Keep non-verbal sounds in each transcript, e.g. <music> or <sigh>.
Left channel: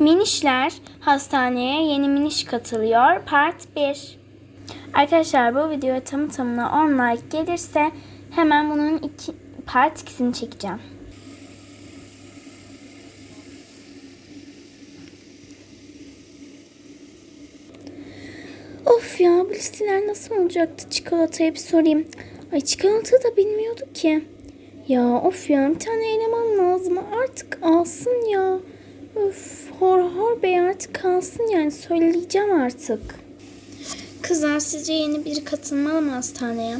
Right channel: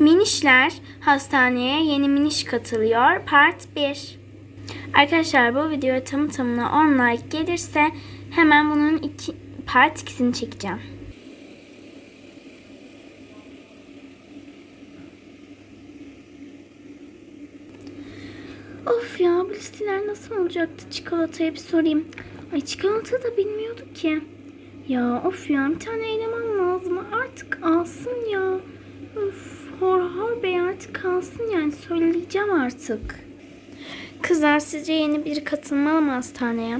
Minişler hastaneye yeni miniş katılıyor part 1. Arkadaşlar bu videoya tam tamına 10 like gelirse hemen bunun iki, part 2'sini çekeceğim. Of ya bu listeler nasıl olacaktı çikolataya bir sorayım. Ay çikolata da bilmiyordu ki. Ya of ya bir tane eleman lazım artık alsın ya. Öf hor hor bey artık alsın yani söyleyeceğim artık. Kızlar sizce yeni biri katılmalı mı hastaneye?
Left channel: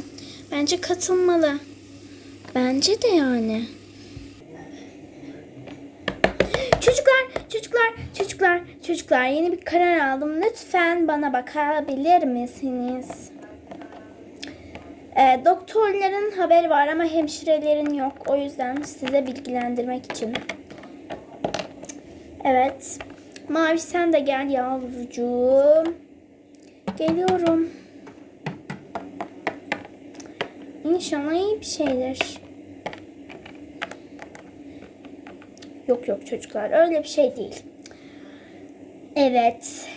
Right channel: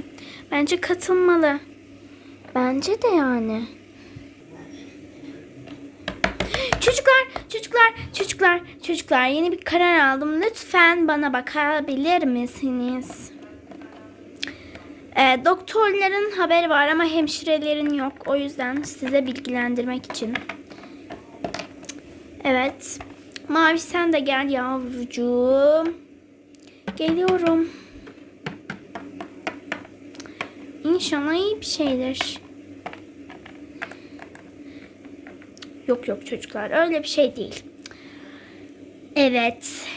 Bence katılmalı. Bence de yani. Çocuklar, çocuklar, çocuklar, çocuklar yeni bir karar aldım. Lütfen bana bakabilir misiniz? Ee, doktorların haberi var ama hemşirelerin yok. O yüzden size bilgilendirmek için. Evet. Mavi sen de gel yavrucuğum. Geliyorum. İnşallah iyi bir şeydir. Yok yok çocuklar öyle bir şey değil. Evet.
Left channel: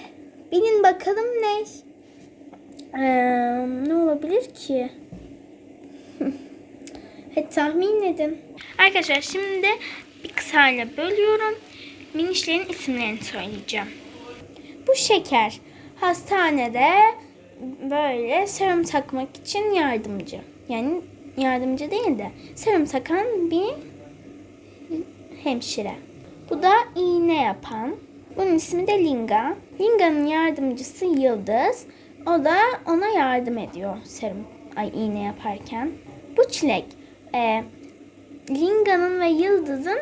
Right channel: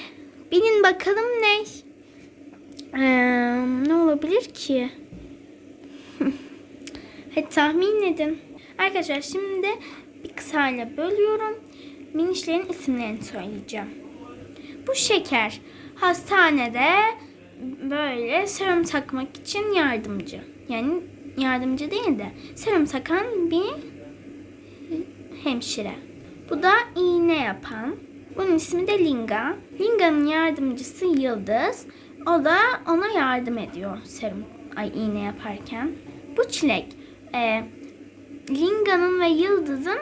Bilin bakalım ne? Ee, ne olabilir ki? <laughs> Hadi tahmin edin. Arkadaşlar şimdi bir kısayla bölüyorum. Minişlerin isimlerini söyleyeceğim. Bu şeker hastanede böyle serum takmak için yardımcı. Yani yardımcı değil de serum takan bir hemşire. Bu da iğne yapan. Bunun ismi de Linga. Linga'nın yardımcısı Yıldız. O da ona yardım ediyor serum ay iğne yaparken. Bu çilek. E, Linga'nın ve Yıldız'ın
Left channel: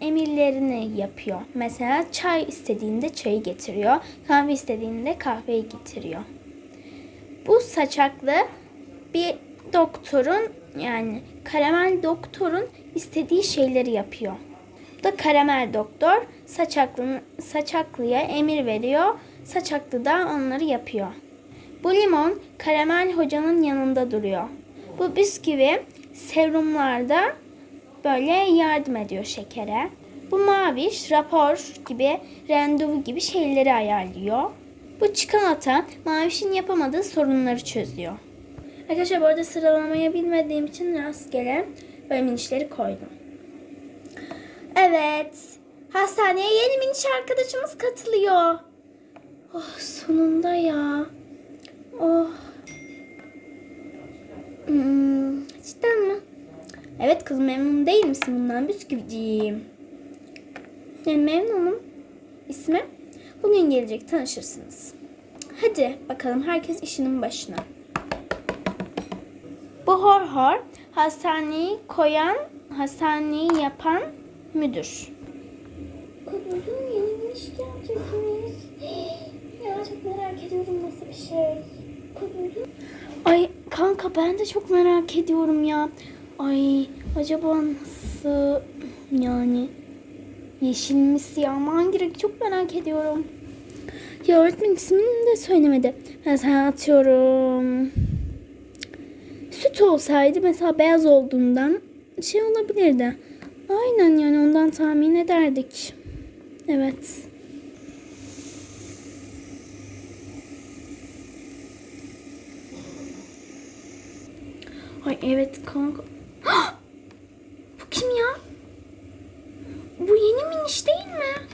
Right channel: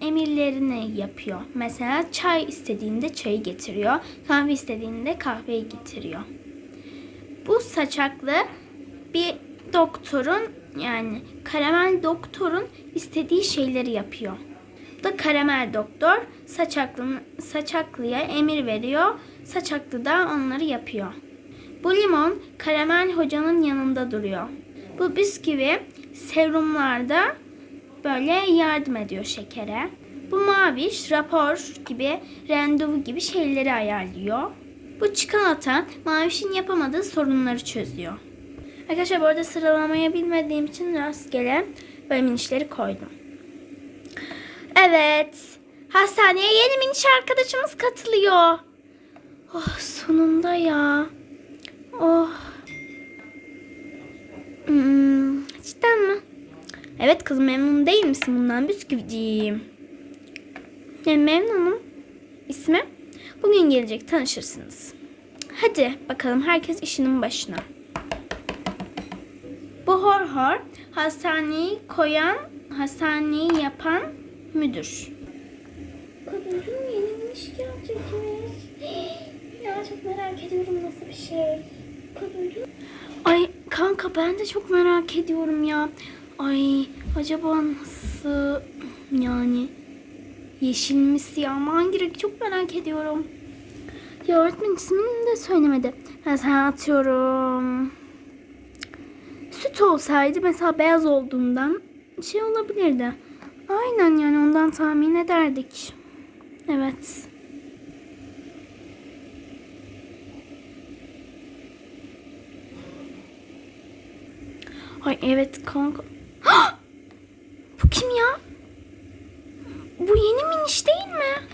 emirlerini yapıyor. Mesela çay istediğinde çayı getiriyor. Kahve istediğinde kahveyi getiriyor. Bu saçaklı bir doktorun yani karamel doktorun istediği şeyleri yapıyor. Bu da karamel doktor saçaklı, saçaklıya emir veriyor. Saçaklı da onları yapıyor. Bu limon karamel hocanın yanında duruyor. Bu bisküvi serumlarda böyle yardım ediyor şekere. Bu maviş rapor gibi randevu gibi şeyleri ayarlıyor. Bu çikolata mavişin yapamadığı sorunları çözüyor. Arkadaşlar bu arada sıralamayı bilmediğim için rastgele böyle minişleri koydum. Evet. Hastaneye yeni miniş arkadaşımız katılıyor. Oh sonunda ya. Oh. Hmm, cidden mi? Evet kızım memnun değil misin bundan bisküviciğim? Yani memnunum. İsmi? Bugün gelecek tanışırsınız. Hadi bakalım herkes işinin başına. Bu hor hor hastaneyi koyan, hastaneyi yapan müdür. Kadınım yeni iş gelecekmiş. <gasps> Ya çok merak ediyorum nasıl bir şey. Kadınım. Ay kanka ben de çok merak ediyorum ya. Ay acaba nasıl yani yeşil mi siyah mı hangi renk çok merak ediyorum. Ya öğretmen ismini de söylemedi. Mesela atıyorum. Süt olsaydı mesela beyaz olduğundan şey olabilirdi. Aynen yani ondan tahmin ederdik. Evet. Ay evet kanka. Bu kim ya? Bu yeni miniş değil mi?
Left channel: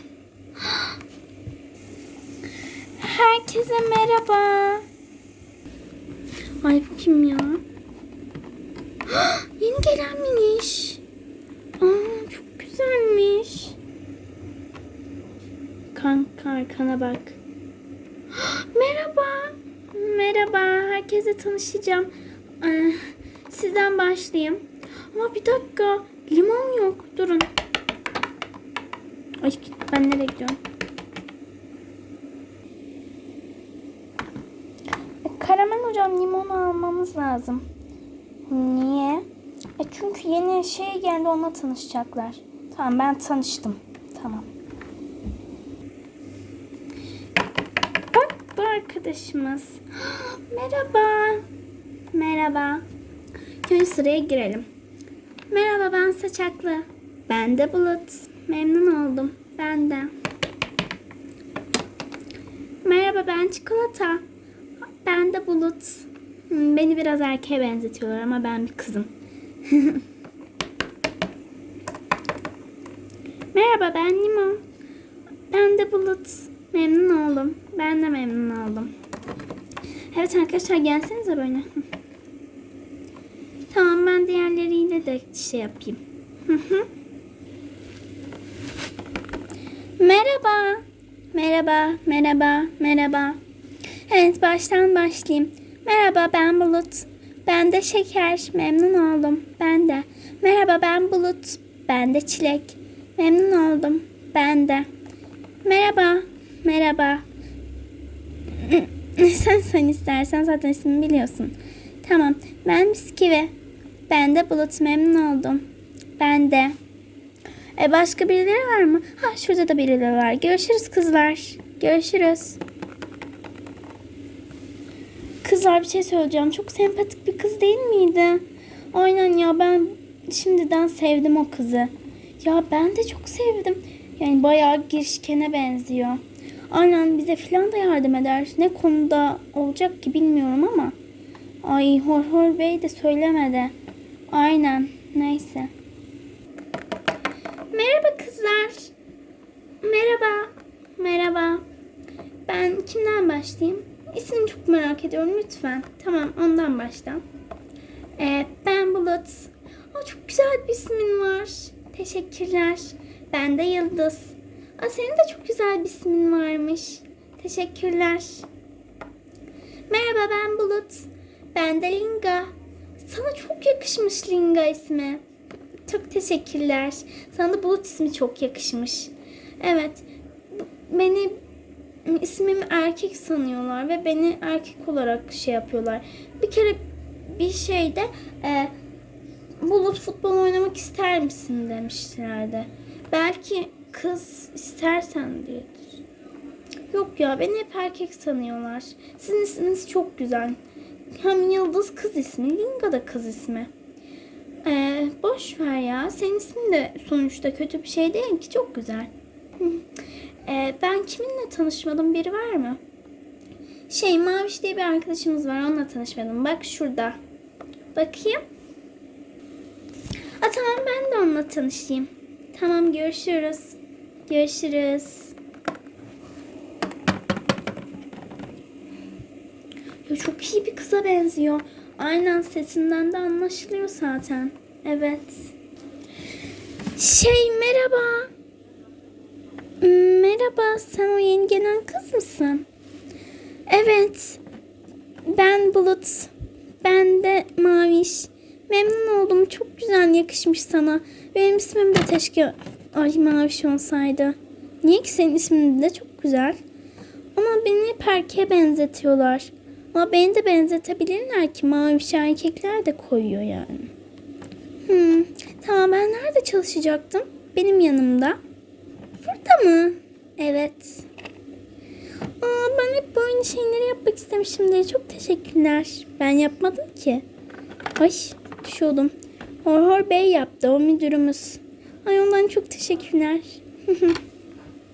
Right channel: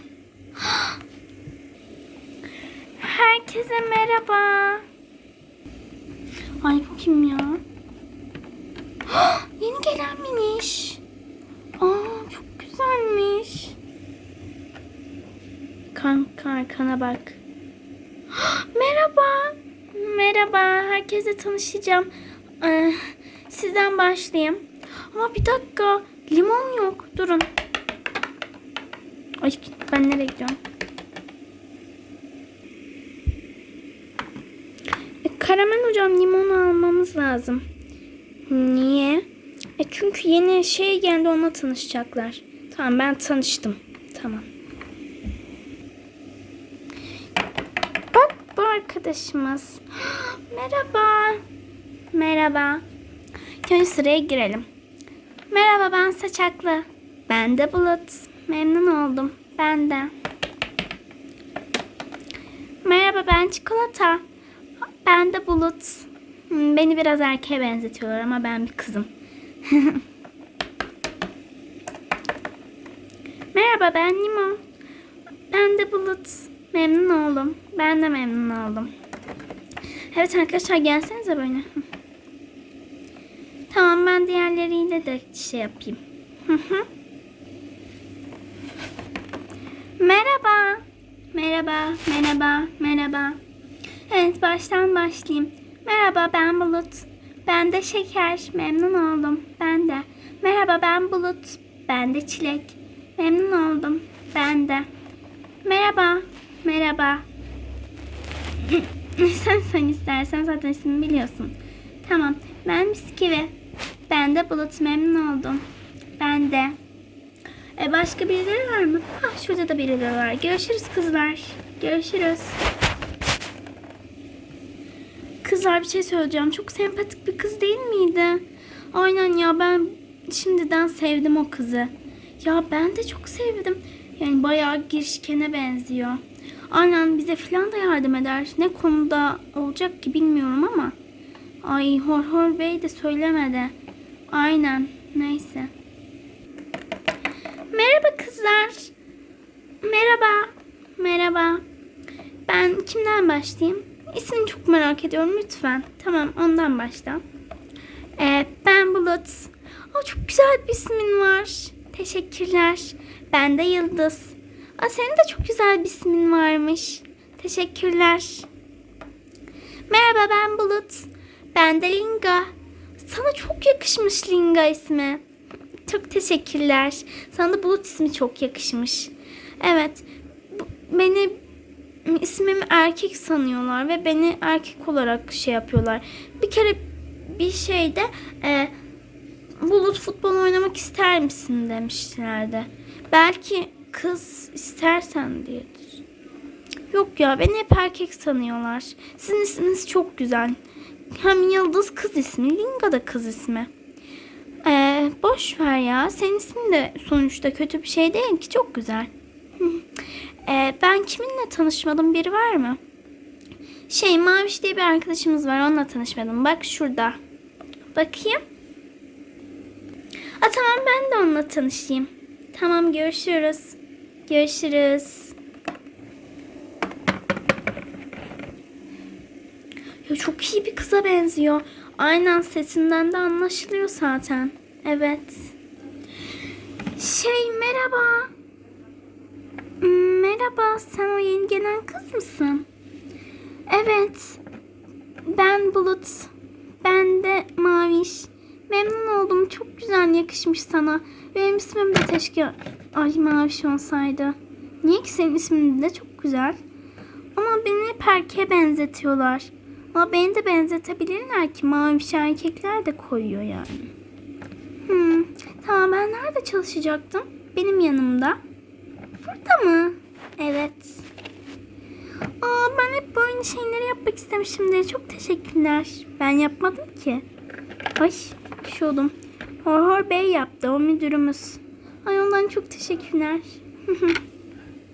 Herkese merhaba. Ay bu kim ya? <gasps> Yeni gelen miniş. Aa çok güzelmiş. Kanka arkana bak. <gasps> Merhaba. Merhaba. Herkese tanışacağım. Ee, sizden başlayayım. Ama bir dakika. Limon yok. Durun. Ay ben nereye gidiyorum? Karamen hocam limon almamız lazım. Niye? E çünkü yeni şey geldi onunla tanışacaklar. Tamam ben tanıştım. Tamam. Bak bu arkadaşımız. <gasps> Merhaba. Merhaba. Köy sıraya girelim. Merhaba ben Saçaklı. Ben de Bulut. Memnun oldum. Ben de. Merhaba ben Çikolata. Ben de Bulut. Hmm, Beni biraz erkeğe benzetiyorlar ama ben bir kızım. <laughs> Merhaba ben Nimo. Ben de Bulut. Memnun oldum. Ben de memnun oldum. Evet arkadaşlar gelsenize böyle. <laughs> Tamam ben diğerleriyle de şey yapayım. <laughs> merhaba. Merhaba, merhaba, merhaba. Evet baştan başlayayım. Merhaba ben Bulut. Ben de Şeker. Memnun oldum. Ben de. Merhaba ben Bulut. Ben de Çilek. Memnun oldum. Ben de. Merhaba. Merhaba. <laughs> sen sen istersen zaten ismini biliyorsun. Tamam. Ben Bisküvi. Ben de Bulut. Memnun oldum. Ben de. E başka birileri var mı? Ah şurada da birileri var. Görüşürüz kızlar. Görüşürüz. Kızlar bir şey söyleyeceğim. Çok sempatik bir kız değil miydi? Aynen ya ben şimdiden sevdim o kızı. Ya ben de çok sevdim. Yani bayağı girişkene benziyor. Aynen bize falan da yardım eder. Ne konuda olacak ki bilmiyorum ama. Ay Hor Hor Bey de söylemedi. Aynen neyse. Merhaba kızlar. Merhaba. Merhaba. Ben kimden başlayayım? İsmini çok merak ediyorum lütfen. Tamam ondan başla. Ee, ben Bulut. Aa, çok güzel bir ismin var. Teşekkürler. Ben de Yıldız. Aa, senin de çok güzel bir ismin varmış. Teşekkürler. Merhaba ben Bulut. Ben de Linga. Sana çok yakışmış Linga ismi. Çok teşekkürler. Sana da Bulut ismi çok yakışmış. Evet. Beni ismimi erkek sanıyorlar ve beni erkek olarak şey yapıyorlar. Bir kere bir şeyde e, Bulut futbol oynamak ister misin demişlerdi. Belki kız istersen diyedir. Yok ya beni hep erkek sanıyorlar. Sizin isminiz çok güzel. Hem Yıldız kız ismi, Linga da kız ismi. Ee, boş ver ya. Senin ismin de sonuçta kötü bir şey değil ki. Çok güzel. <laughs> Ee, ben kiminle tanışmadım? Biri var mı? Şey Maviş diye bir arkadaşımız var. Onunla tanışmadım. Bak şurada. Bakayım. Aa, tamam ben de onunla tanışayım. Tamam görüşürüz. Görüşürüz. Ya çok iyi bir kıza benziyor. Aynen sesinden de anlaşılıyor zaten. Evet. Şey merhaba. Merhaba sen o yeni gelen kız mısın? Evet. Ben Bulut. Ben de Maviş. Memnun oldum. Çok güzel yakışmış sana. Benim ismim de keşke Ay Maviş olsaydı. Niye ki senin ismin de çok güzel. Ama beni hep erkeğe benzetiyorlar. Ama beni de benzetebilirler ki maviş erkekler de koyuyor yani. Hmm, tamam ben nerede çalışacaktım? Benim yanımda. Burada mı? Evet. Aa, ben hep böyle şeyleri yapmak istemişimdir. Çok teşekkürler. Ben yapmadım ki. Ay düşüyordum. Hor Hor Bey yaptı o müdürümüz. Ay ondan çok teşekkürler. <laughs>